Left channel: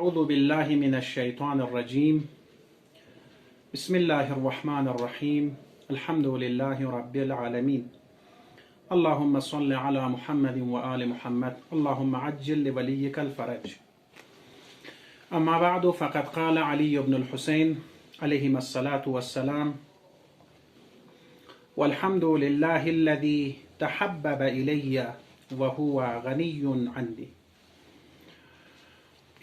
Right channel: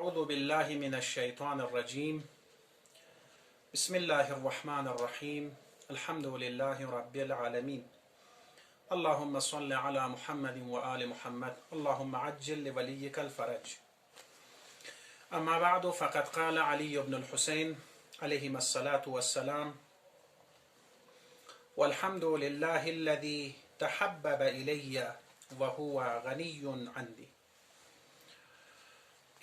أعوذ بالله من الشيطان الرجيم بسم الله الرحمن الرحيم الحمد لله رب العالمين اللهم صل على محمد وآل محمد اللهم عجل لوليك الفرج. أما بعد، فقد قال علي بن الحسين عليهما الصلاة والسلام: والحمد لله الذي تحبب إلي وهو غني عني.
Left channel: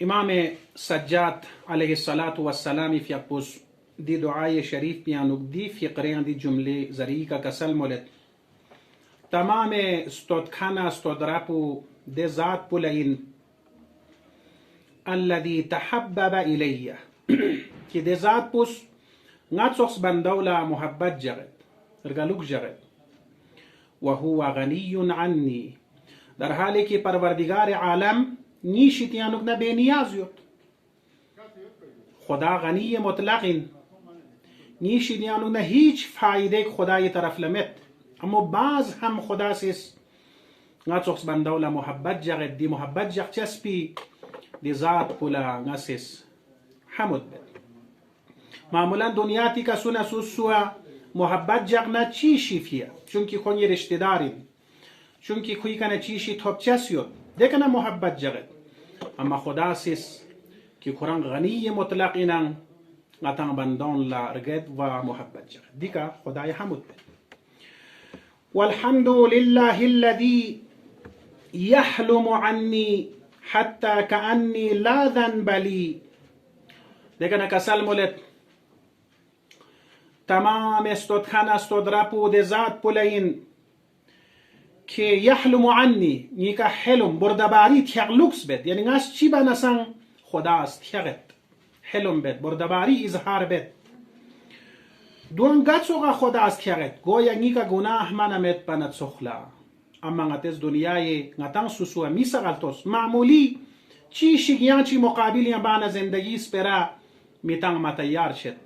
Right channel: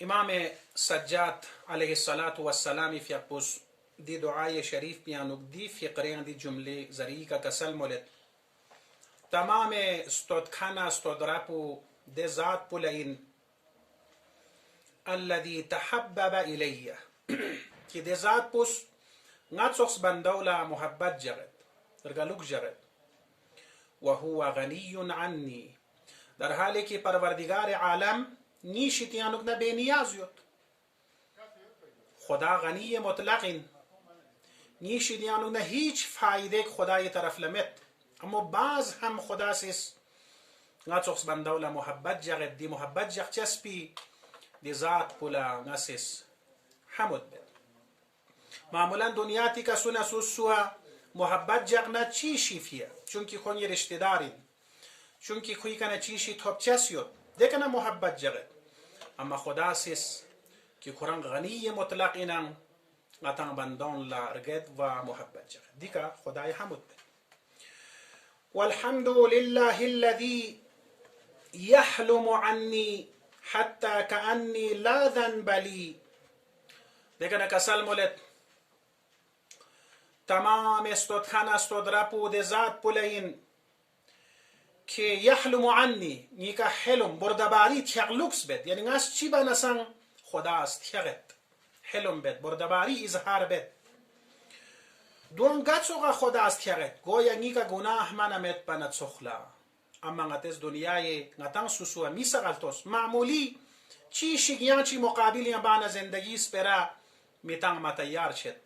امام سجاد علیه الصلاة والسلام فیقبوس دی دعای شریف بیانوک دی فقریان دی جمله زریکا کسل مولد تمام استودخانا استودرابو دی ذات بولین الذي تحبب إلي که دی ذات بوس ناتسوخس بندولا محبت جغد ارگلوک جغد وهو غنی عنی، در حالی که پروردگار عالم نیشتیانوک نه به نیاز یوت. خدا غنی مطلقین، نیشتیانوک نه هیچ فایده خدای طرف لمت، اما باز هم خدا سیس ناتسوخس بندولا محبت جغد دی محبت جغد چسبی دی ذات بولا ناسیس حمد بد. معمولا دنیاتی که سونا سوسوا محبت جغد نه چیشی فیه، چونکی خونی رشته داریم، چونکی خوی کنه چیشی توب چسیوت دیکنه محبت جغد. اما خدا سیس که قرآن غنی مطلق اینن نتان بندان لا رگد و محبت جغد دیکا خدای حمد بد. والحمد لله الذي يحلم عني حتى كأني لا ذنب لي. دیکنه کسل مولد تمام استودخان استودرابو دی ذات بولین که یحلم عنی نیکا حلم بردباری تیغلوکس بد، یعنی ناس چی بناسن خداست تیغت حلم بد بردباری اظهار بد دون گچوغا خداست تیغت گویا نیکا گناه منمت بند سخلا. اما نتز دنیای نتان سوسو میسغلتوس معمولی چی شگیان چی مقابلی بانا زندگی سپرا میتان متیار شد،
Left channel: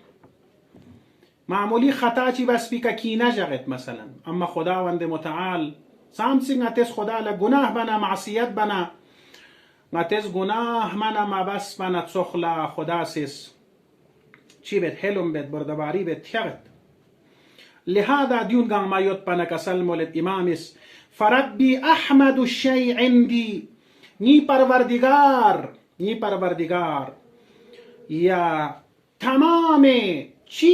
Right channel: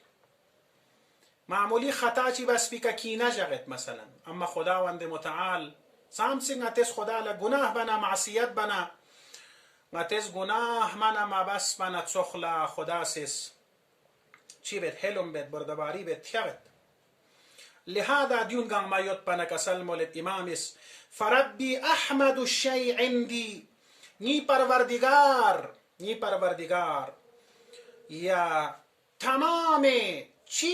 معمولی خطا چی بس بی که کی نجغت مثلا. اما خداوند متعال سامسی نتز خدا لگناه بنا معصیت بنا نتز گناه منا مبس بنا تسخلا خدا سیس چی بید حلم بید بردباری بید تیغت. لهذا دیون گان ما یوت بنا کسل مولد امامس فربی احمد الشیء عندی، نی پروردگار یا تمام چی